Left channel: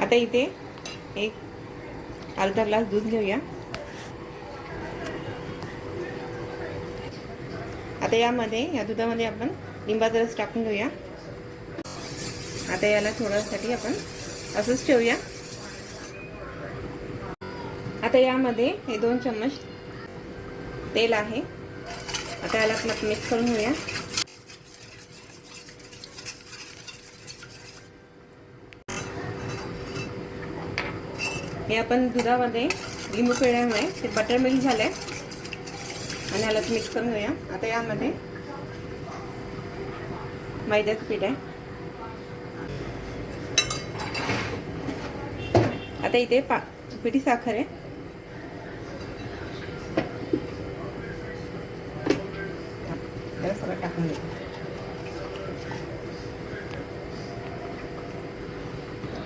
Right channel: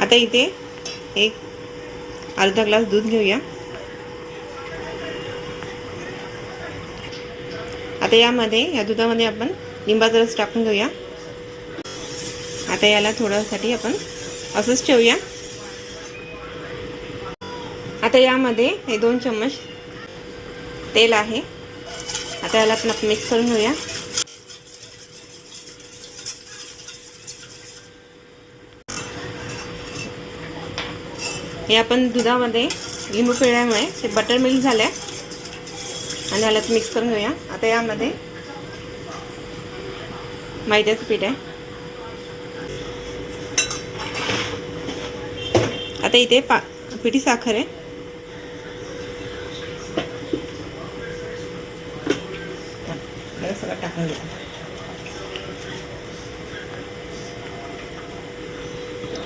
आता इथे एक अर्धा ग्लास दूध घेऊया। आता या दुधामध्ये आपण लिंबाचा रस टाकून घेऊया। आता याला थोड्यासाठी आपण असंच ठेवूया। आता यामध्ये हे 2 चम्मच तेल आहे। आता याला आपण मिक्स करून घेऊया। हे आपण दुधामध्ये लिंबू पिळल्यामुळे ते बटर मिल्क झालंय आणि याला मिक्स करून घेऊया। आता यामध्ये मैद्याचं पीठ आहे। आता इथे पिठी साखर आहे। सगळं टाकून घेऊ।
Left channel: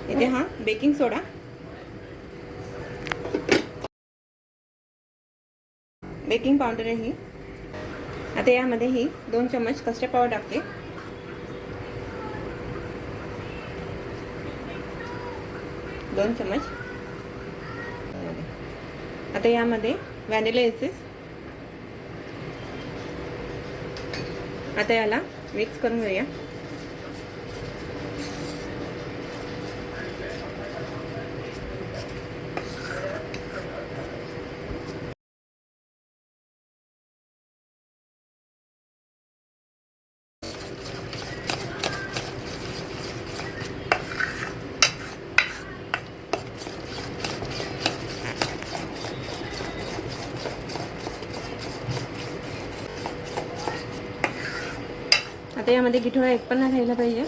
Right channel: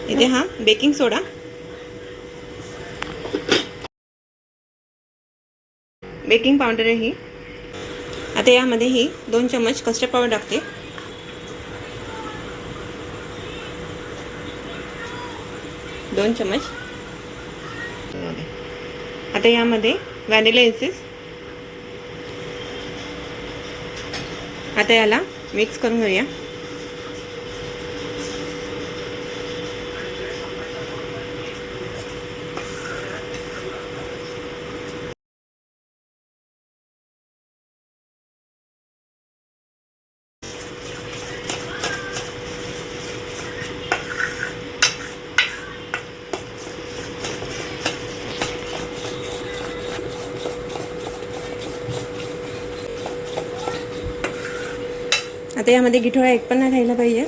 इथे हा बेकिंग सोडा, बेकिंग पावडर आहे ही। आता यामध्ये ही 2 चम्मच कस्टर्ड पावडर टाकते। दोन चम्मच। आता यामध्ये व्हॅनिला एसेन्स। आता याला मिक्स करून घेऊया। आता यामध्ये गिठोळा एक पण नाही राहिला पाहिजे।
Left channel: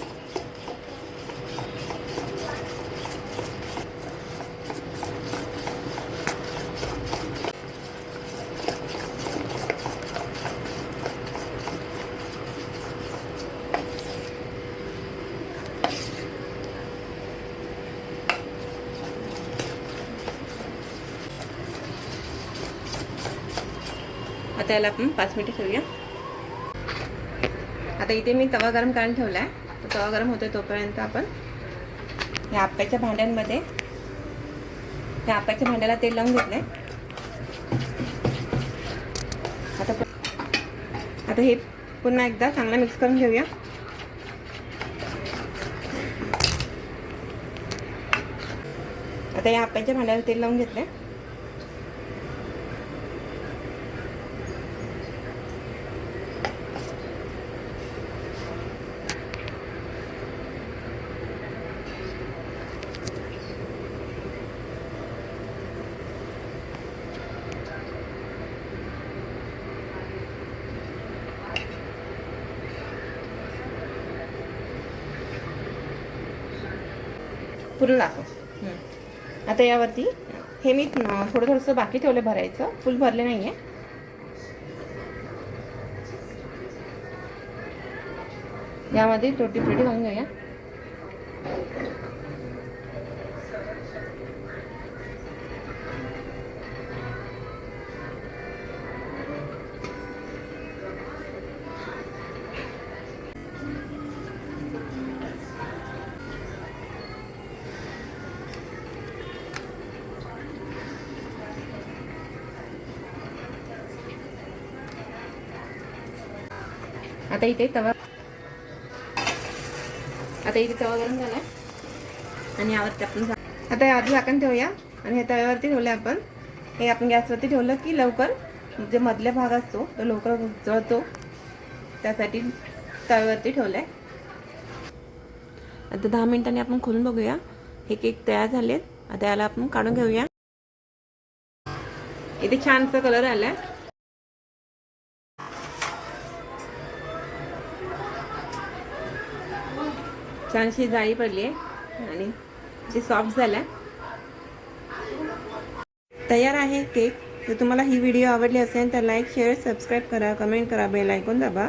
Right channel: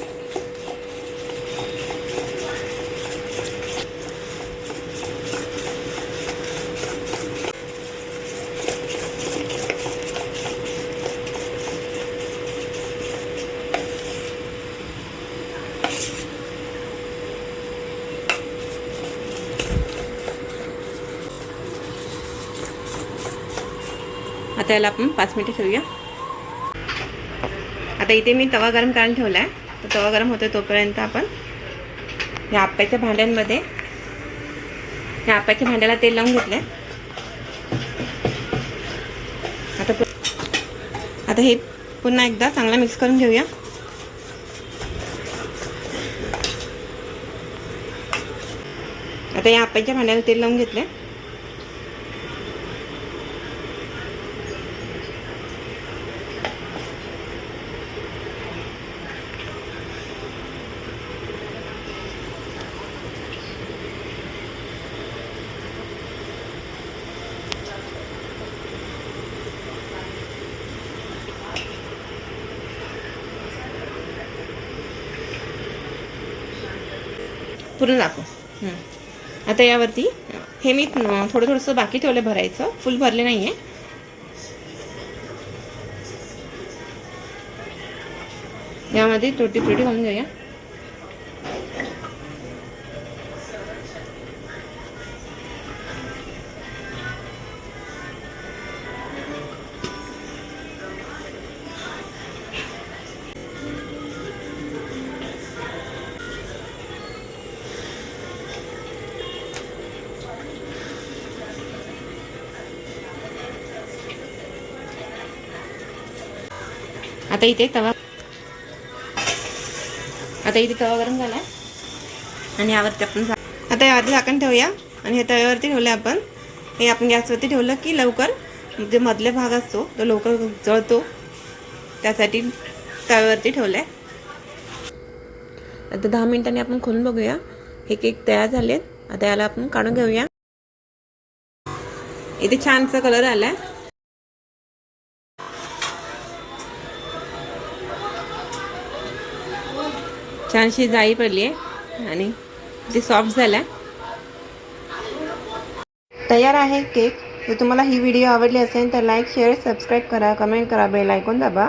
आता याला आपण 5 मिनिटे ठेवूया। आता इथे मी तवा गरम करायला ठेवला आहे। तर तवा गरम होतो तोपर्यंत आपण या आप्याच्या भांड्याला तेल लावून घेतले। आता हे पुन्हा एकदा चांगला मिक्स करून घेऊया। आता या आप्याच्या भांड्याला तेल लावून घेतले। पूर्ण दाखव। आता यावरती हे मी थोडंसं बाकी ठेवले भरायचं, फुल भरले नाहीये। यामध्ये टोटी फ्रुटी घालून घेऊया। आता इथे तवा गरम झाला आणि यावरती आपण आता यावरती झाकण ठेवूया आणि हे तव्यावरती ठेवलं आपण। हे आपण गॅसवरती ठेवलं की लवकर जे मधले भाग असतो तो लवकर जळतो, त्यासाठी तव्यावरती ठेवलंय। आता 10 मिनिटांनी आपण खोलून बघूया। हे केक तयार झालेत। आता याला आपण काढून घेऊया। इथे छानसा कलर आलाय। छानशी जाळी पडली आहे आणि ते सॉफ्ट झालाय। तयार आहे केक। जर तुम्हाला ही व्हिडिओ आवडली असेल तर लाईक, शेअर, सबस्क्राईब करा, कमेंट करा, बेल आयकॉन दाबा।